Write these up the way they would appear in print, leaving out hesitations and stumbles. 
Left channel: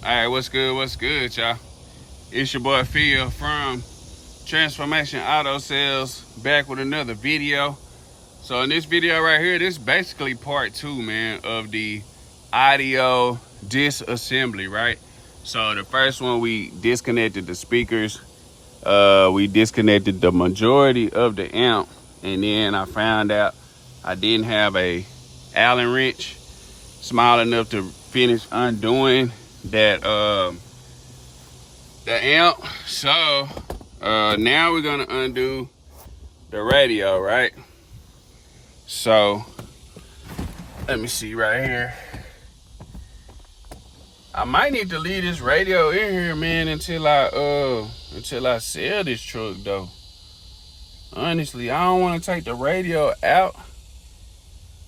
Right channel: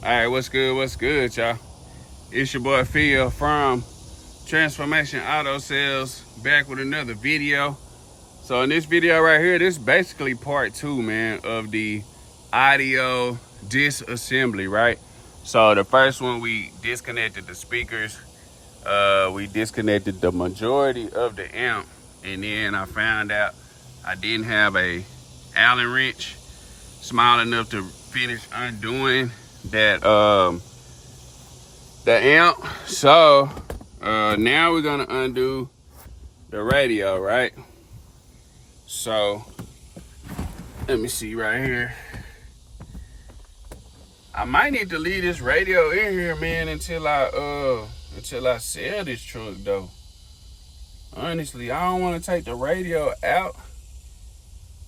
Alright, what's good, y'all? It's your boy Phil from Transformation Auto Sales, back with another video. So in this video right here, this is basically part 2, man, of the audio disassembly, right? So the first one, we disconnected the speakers, we disconnected the majority of the amp, and then I found out I didn't have a Allen wrench small enough to finish undoing that the amp. So now we're gonna undo the radio, right? So let me see right here. I might need to leave this radio in here, man, until I sell this truck though. Honestly, I don't want to take the radio out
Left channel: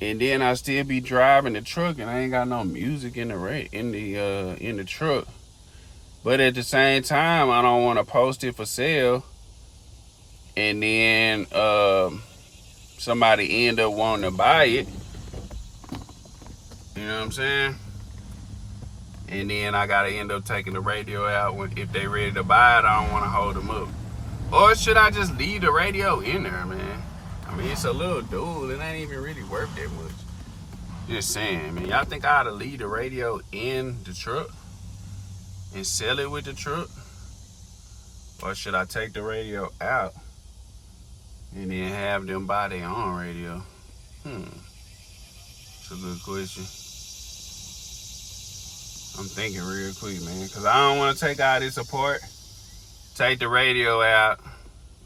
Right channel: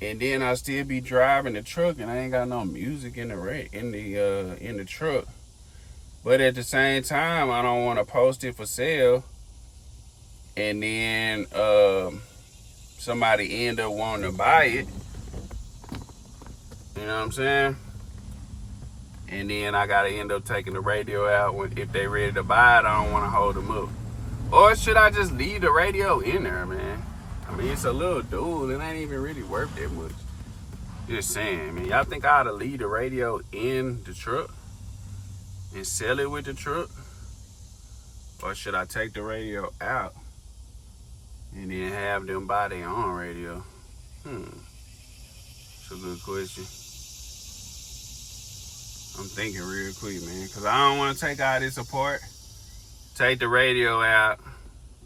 and then I still be driving the truck and I ain't got no music in the truck. But at the same time, I don't want to post it for sale and then somebody end up wanting to buy it. You know what I'm saying? And then I gotta end up taking the radio out if they ready to buy it. I don't want to hold them up. Or should I just leave the radio in there, man? I mean, it's a little dual. It ain't even really worth that much. Just saying, man. Y'all think I ought to leave the radio in the truck and sell it with the truck? Or should I take the radio out and then have them buy their own radio? It's a good question. I'm thinking real quick, man, because I don't want to take all this apart, take the radio out,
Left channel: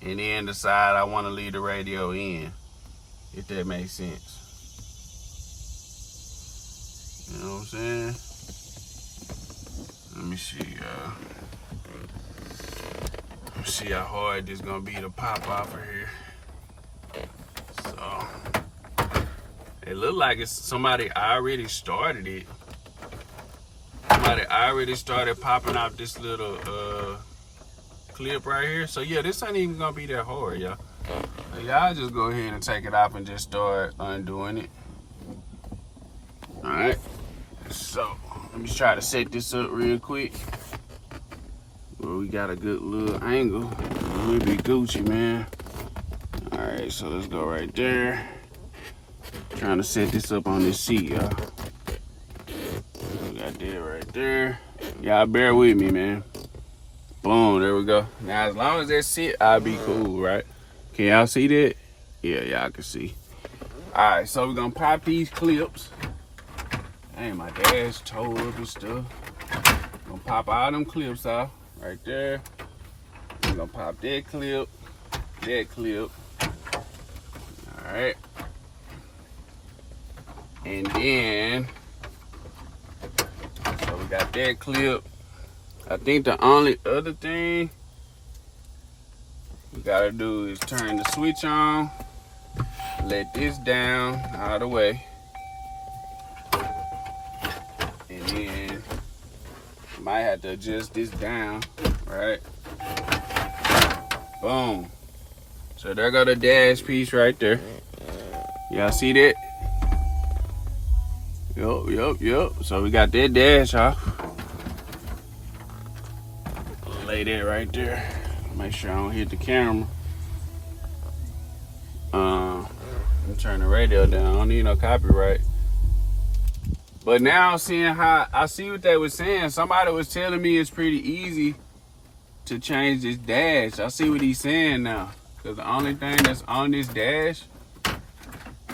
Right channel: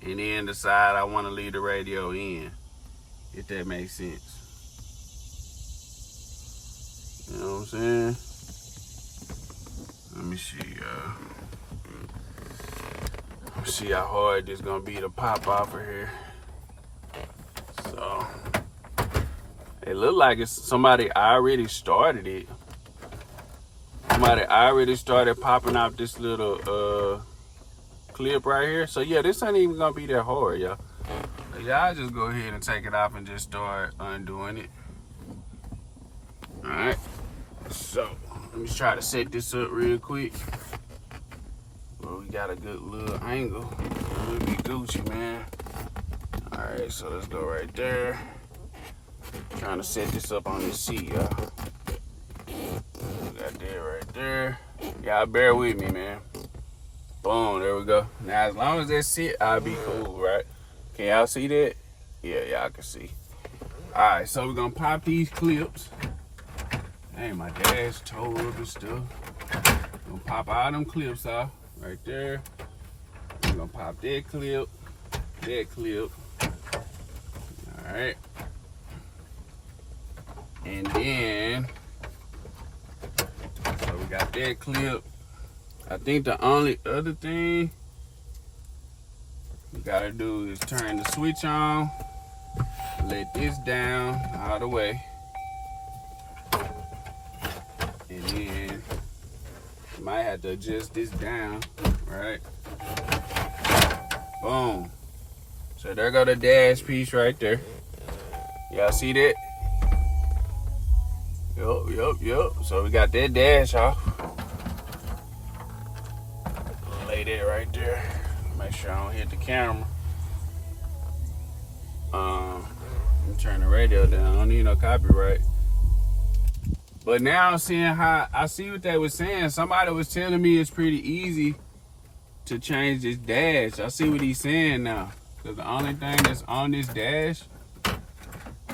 and then decide I want to leave the radio in, if that makes sense. You know what I'm saying? Let me see, Let's see how hard this gonna be to pop off of here. So, it look like it's somebody already started it. Somebody already started popping out this little clip right here. So yeah, this ain't even gonna be that hard, y'all. Y'all just go ahead and take it off and just start undoing it. Alright. So let me try to set this up real quick. Well, we got a good little angle. Let me be Gucci, man. Alright, so let's go right there. Trying to set this up on this seat, y'all. Got that right there. Y'all bear with me, man. Boom, there we go. Now, as long as that sit, I'll be cool, right? Can y'all see that? Yeah, y'all can see. All right, so we're gonna pop these clips. Dang, my dash tore up and stuff. Gonna pop all them clips off right there. We're gonna pop that clip, that clip. All right. And then, so we got that clip. I think the only other thing we gotta do is turn the switch on, let this down all the way, and then might have to adjust this down, right? Boom. So there go the dash piece right there. Y'all see that? Yup. So we got that dash off. Lay that right there. Make sure I don't hit the camera. I'm turning the radio down. I don't need no copyright. But now I'm seeing how I see what they were saying. Somebody was telling me it's pretty easy to change this dash. I see what he's saying now. Because the only thing that's on this dash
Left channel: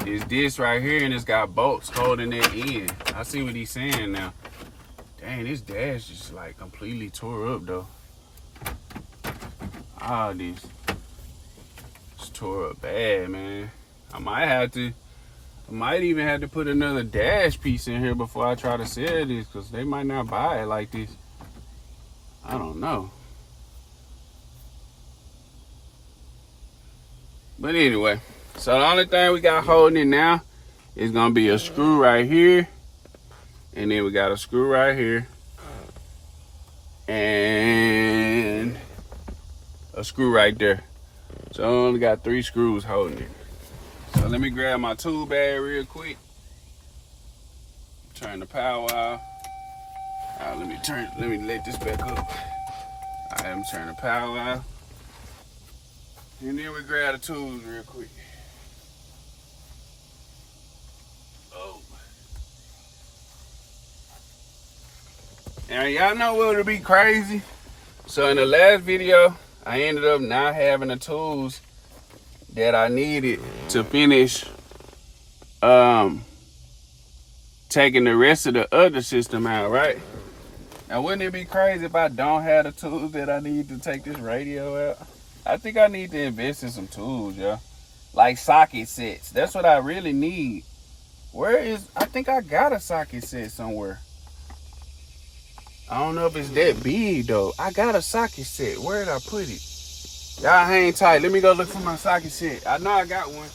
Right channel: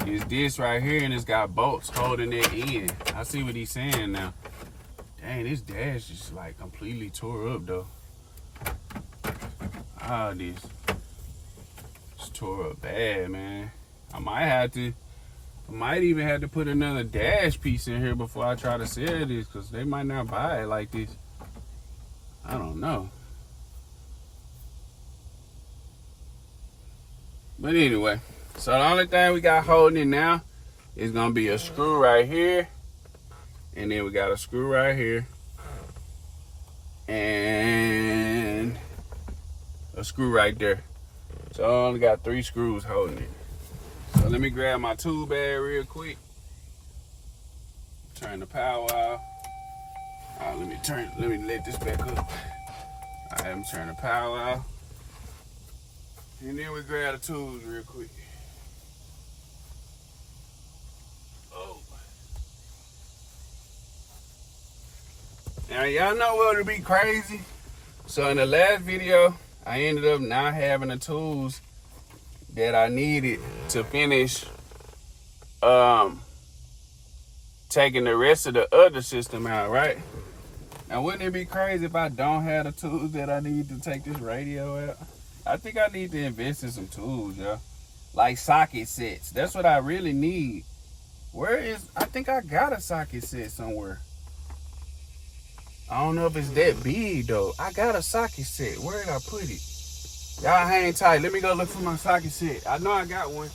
is this right here, and it's got bolts holding it in. I see what he's saying now. Dang, this dash is like completely tore up though. All this. It's tore up bad, man. I might even have to put another dash piece in here before I try to sell this, because they might not buy it like this. I don't know. But anyway, so the only thing we got holding it now is gonna be a screw right here, and then we got a screw right here, and a screw right there. So I only got 3 screws holding it. So let me grab my tool bag real quick. Turn the power off. Let me let this back up. Alright, I'm turning the power out. And then we grab the tools real quick. Oh. Now y'all know what would be crazy? So in the last video, I ended up not having the tools that I needed to finish taking the rest of the other system out, right? Now wouldn't it be crazy if I don't have the tools that I need to take this radio out? I think I need to invest in some tools, yeah. Like socket sets. That's what I really need. I think I got a socket set somewhere. I don't know if it's that big though. I got a socket set. Where did I put it? Y'all hang tight. Let me go look for my socket set. I know I got one.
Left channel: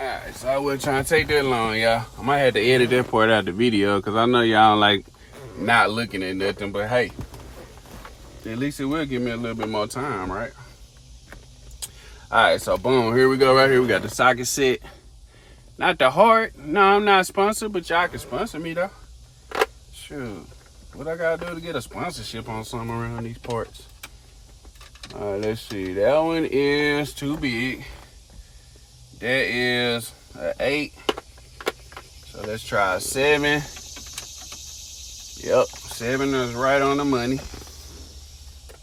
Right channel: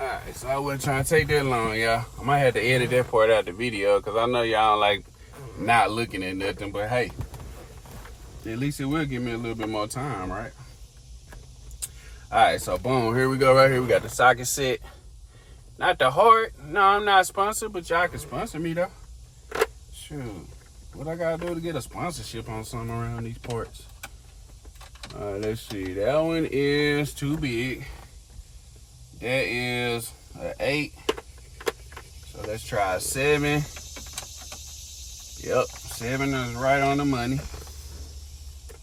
Alright, so I wasn't trying to take that long, y'all. I might have to edit that part out of the video because I know y'all don't like not looking at nothing, but hey, at least it will give me a little bit more time, right? Alright, so boom, here we go right here. We got the socket set. Not the heart. No, I'm not sponsored, but y'all can sponsor me though. Shoot. What I gotta do to get a sponsorship on something around these parts? Alright, let's see. That one is too big. That is an 8. So let's try a 7. Yep, 7 is right on the money.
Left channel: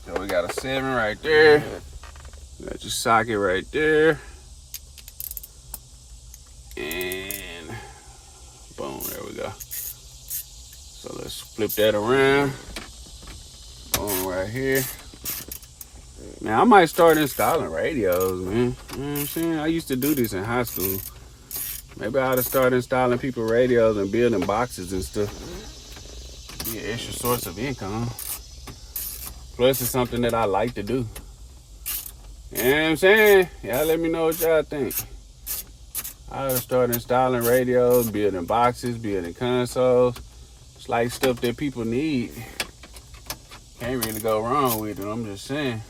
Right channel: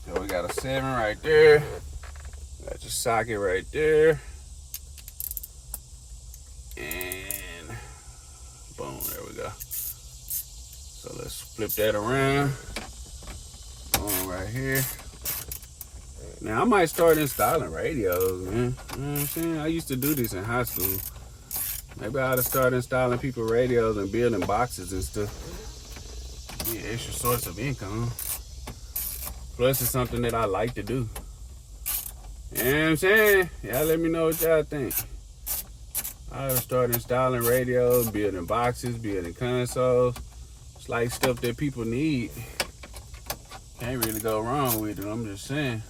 So we got a 7 right there. We got your socket right there. And boom, there we go. So let's flip that around. Boom, right here. Now, I might start installing radios, man. You know what I'm saying? I used to do this in high school. Maybe I ought to start installing people radios and building boxes and stuff. Be an extra source of income. Plus, it's something that I like to do. You know what I'm saying? Y'all let me know what y'all think. I ought to start installing radios, building boxes, building consoles. It's like stuff that people need. Can't really go wrong with it, I'm just saying.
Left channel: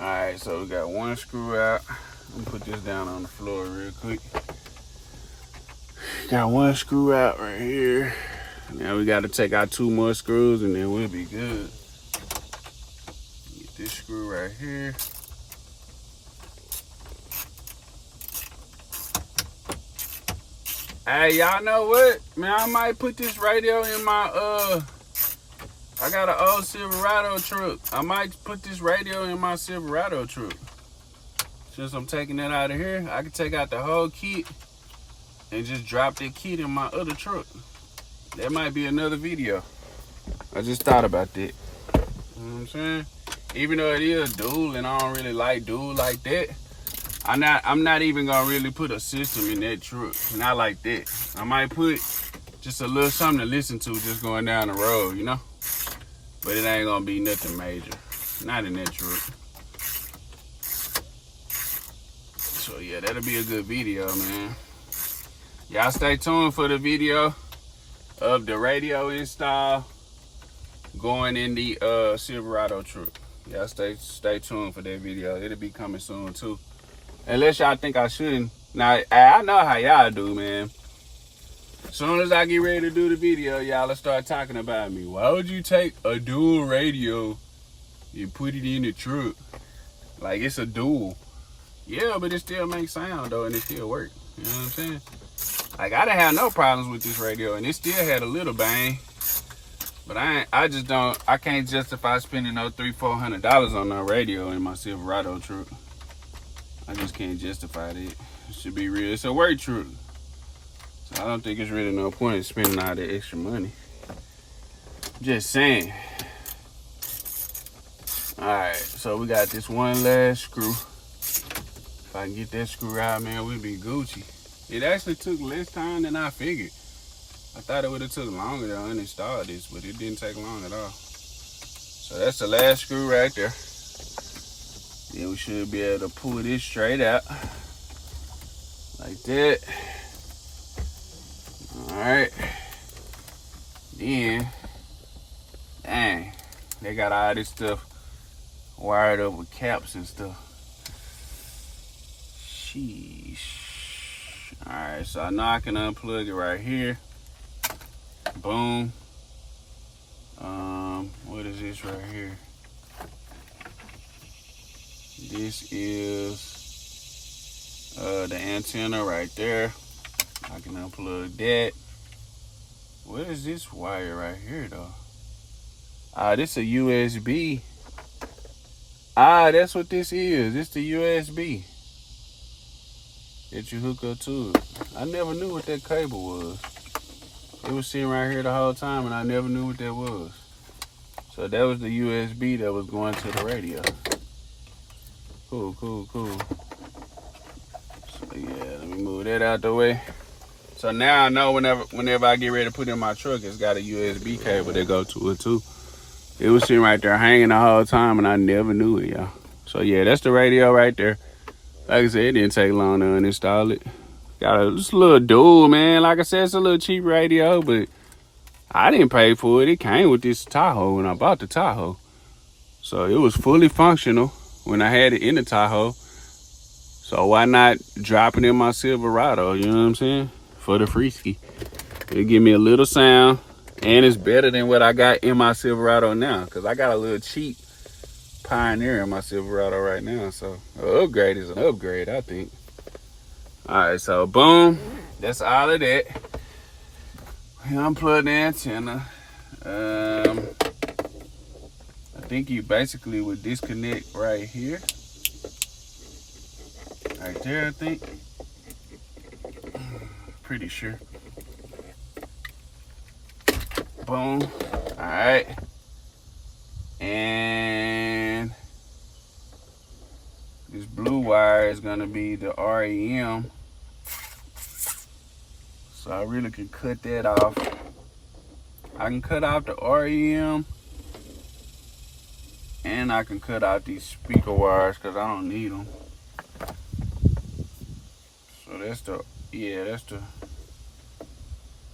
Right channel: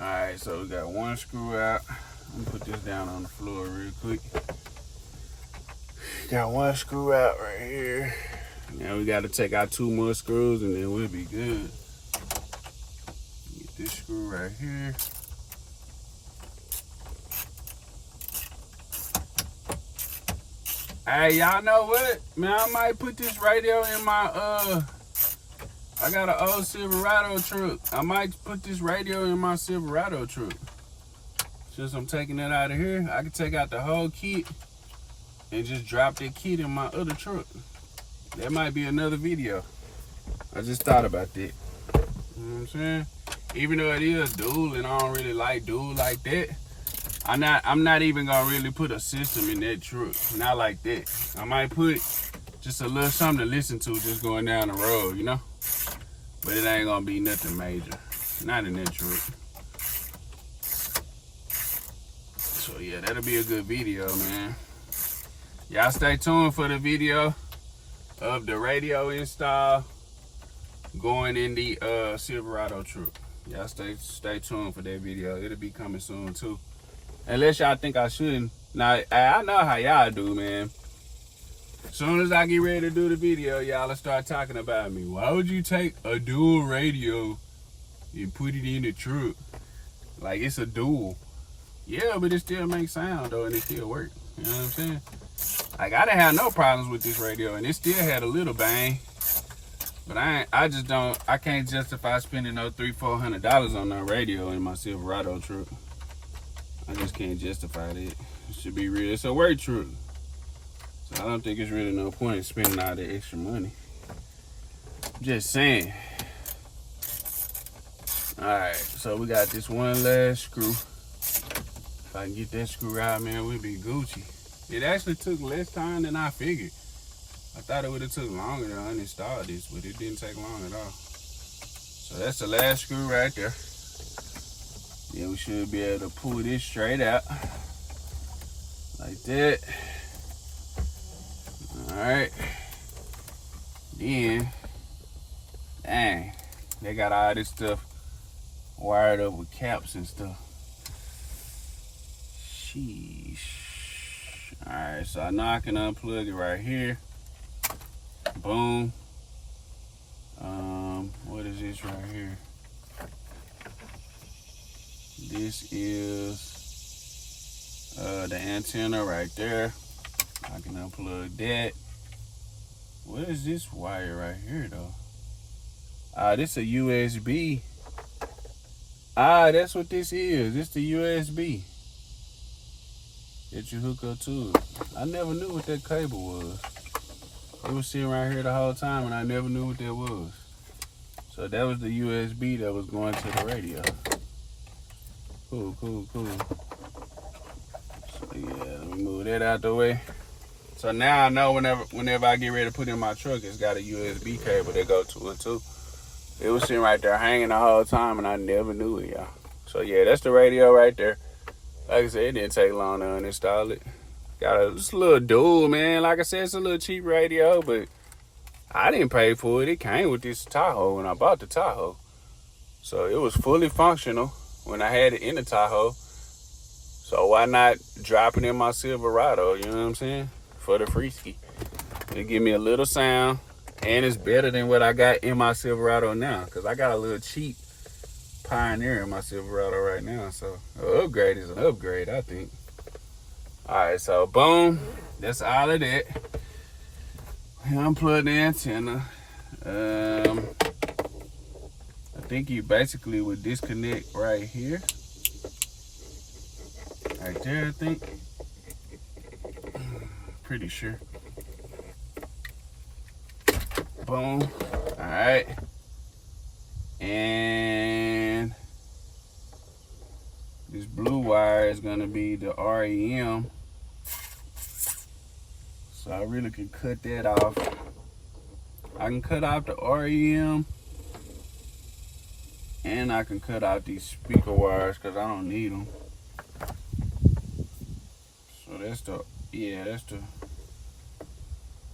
Alright, so we got one screw out. I'm gonna put this down on the floor real quick. Got one screw out right here. Now we gotta take out 2 more screws and then we'll be good. Get this screw right here. Hey, y'all know what? Man, I might put this radio in my, I got an old Silverado truck. I might put this radio in my Silverado truck. Since I'm taking it out of here, I can take out the whole kit and just drop that kit in my other truck. That might be another video. I just thought about that. You know what I'm saying? Even though it is dual and I don't really like dual like that, I'm not even gonna really put a system in that truck. Not like that. I might put just a little something to listen to just going down the road, you know? But it ain't gonna be nothing major. Not in that truck. So yeah, that'll be a good video, man. Y'all stay tuned for the video of the radio install going in the Silverado truck. Y'all stay tuned for that video. It'll be coming soon too. Unless y'all think I shouldn't. Now, I know how y'all do, man. As soon as I get ready to do the video, y'all will start talking about me. Why would you take a dual radio and put it in the truck? Like, it's a dual. Yeah, but it still makes sound, though, and it still work. You know what I'm saying? Like, I didn't have no problems with this radio, and it still had a little bang. But I can't justify spending no $300-400 on that radio in my Silverado truck. I just can't justify that. It should be real. It's a work truck. So I don't think it's really no point in spending all that extra money. Just saying. Alright, so we got this one last screw. If I can get that screw out, man, we'll be Gucci. It actually took less time than I figured. I thought it would have took longer to uninstall this, but it didn't take long at all. So that's the last screw right there. Then we should be able to pull this straight out. Like that. Alright. Then, dang, they got all this stuff wired up with caps and stuff. Sheesh. Alright, so I know I can unplug it right here. Boom. What is this right here? This is the antenna right there. I can unplug that. What is this wire right here though? This is a USB. That's what this is. It's the USB that you hook up to it. I never knew what that cable was. It was sitting right here the whole time and I never knew what that was. So that was the USB that was going to the radio. Cool. So yeah, let me move that out the way. So now I know whenever I get ready to put in my truck, it's got a USB cable that goes to it too. It was sitting right there hanging the whole time and I never knew it, y'all. So yeah, that's the radio right there. Like I said, it didn't take long to uninstall it. Got just a little dual, man. Like I said, it's a little cheap radio, but I didn't pay for it. It came with this Tahoe when I bought the Tahoe. So it was fully functional when I had it in the Tahoe. So why not drop it in my Silverado, you know what I'm saying? For the free ski. It'll give me a little sound, and it's better than what I got in my Silverado now, because I got a little cheap Pioneer in my Silverado right now. So an upgrade is an upgrade, I think. Alright, so boom, that's all of that. Unplug the antenna. I think you basically would disconnect right here. Right there, I think. Pretty sure. Boom. Alright. And this blue wire is gonna be the REM. So I really can cut that off. I can cut off the REM and I can cut out these speaker wires because I don't need them. So that's the,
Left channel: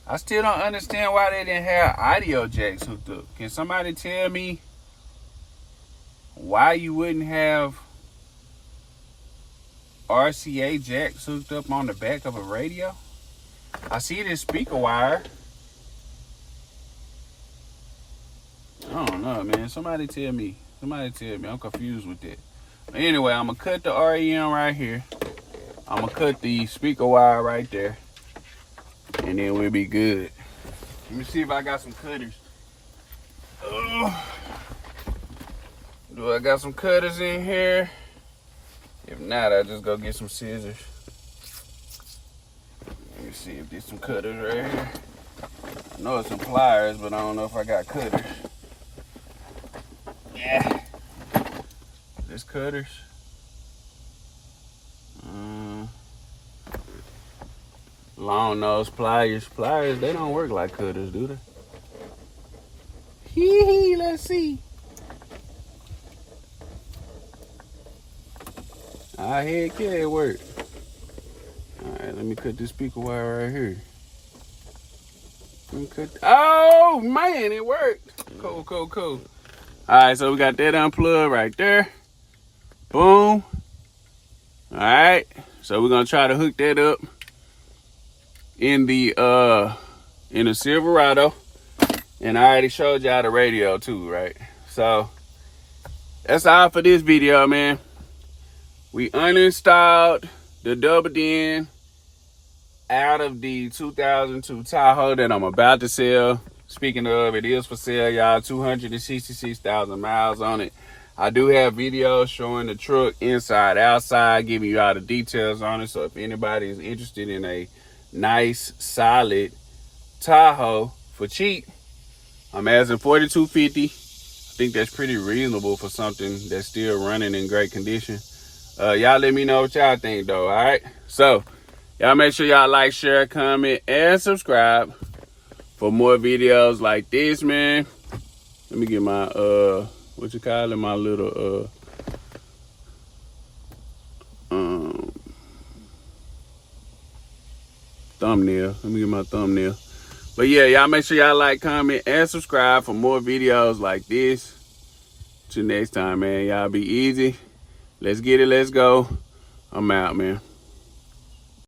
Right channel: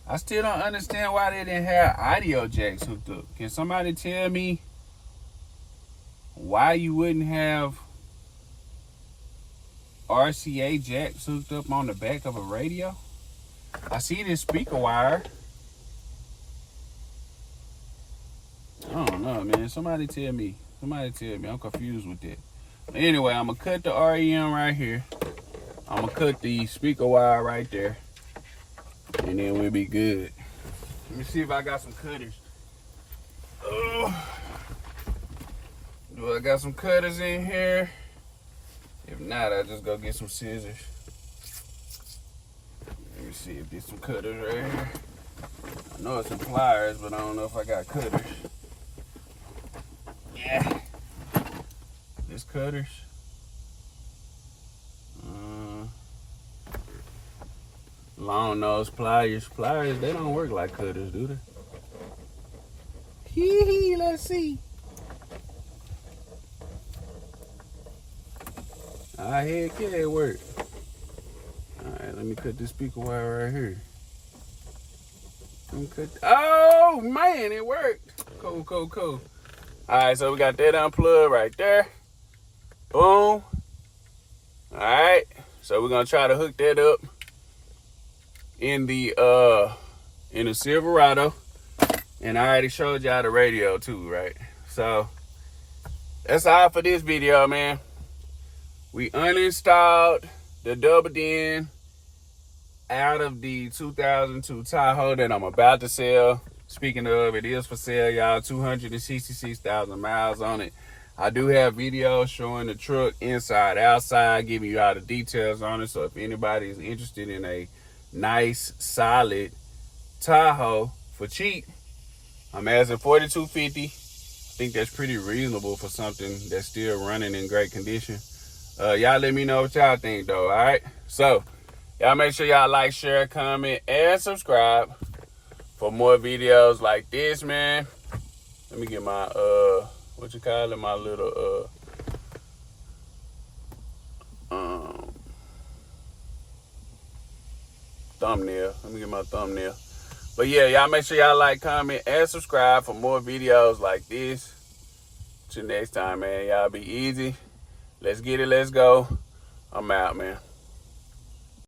I still don't understand why they didn't have audio jacks hooked up. Can somebody tell me why you wouldn't have RCA jacks hooked up on the back of a radio? I see this speaker wire. I don't know, man. Somebody tell me. I'm confused with that. But anyway, I'm going to cut the REM right here. I'm going to cut the speaker wire right there. And then we'll be good. Let me see if I got some cutters. Do I got some cutters in here? If not, I'll just go get some scissors. Let me see if there's some cutters right here. I know it's some pliers, but I don't know if I got cutters. Yeah. There's cutters. Long nose pliers. Pliers, they don't work like cutters, do they? Hee, let's see. Heck yeah, it worked. Alright, let me cut this speaker wire right here. Let me cut. Oh man, it worked. Cool. Alright, so we got that unplugged right there. Boom. Alright. So we're gonna try to hook that up in the Silverado. And I already showed y'all the radio too, right? So that's all for this video, man. We uninstalled the double din out of the 2002 Tahoe that I'm about to sell. Speaking of, it is for sale, y'all. 266,000 miles on it. I do have videos showing the truck inside, outside, giving you all the details on it. So if anybody is interested in a nice, solid Tahoe for cheap, I'm asking $4,250. I think that's pretty reasonable for something that's still running in great condition. Y'all let me know what y'all think though, all right? So y'all make sure y'all like, share, comment, and subscribe for more videos like this, man. Let me get my what you call it, my little thumbnail. Let me get my thumbnail. But yeah, y'all make sure y'all like, comment, and subscribe for more videos like this. Till next time, man. Y'all be easy. Let's get it. Let's go. I'm out, man.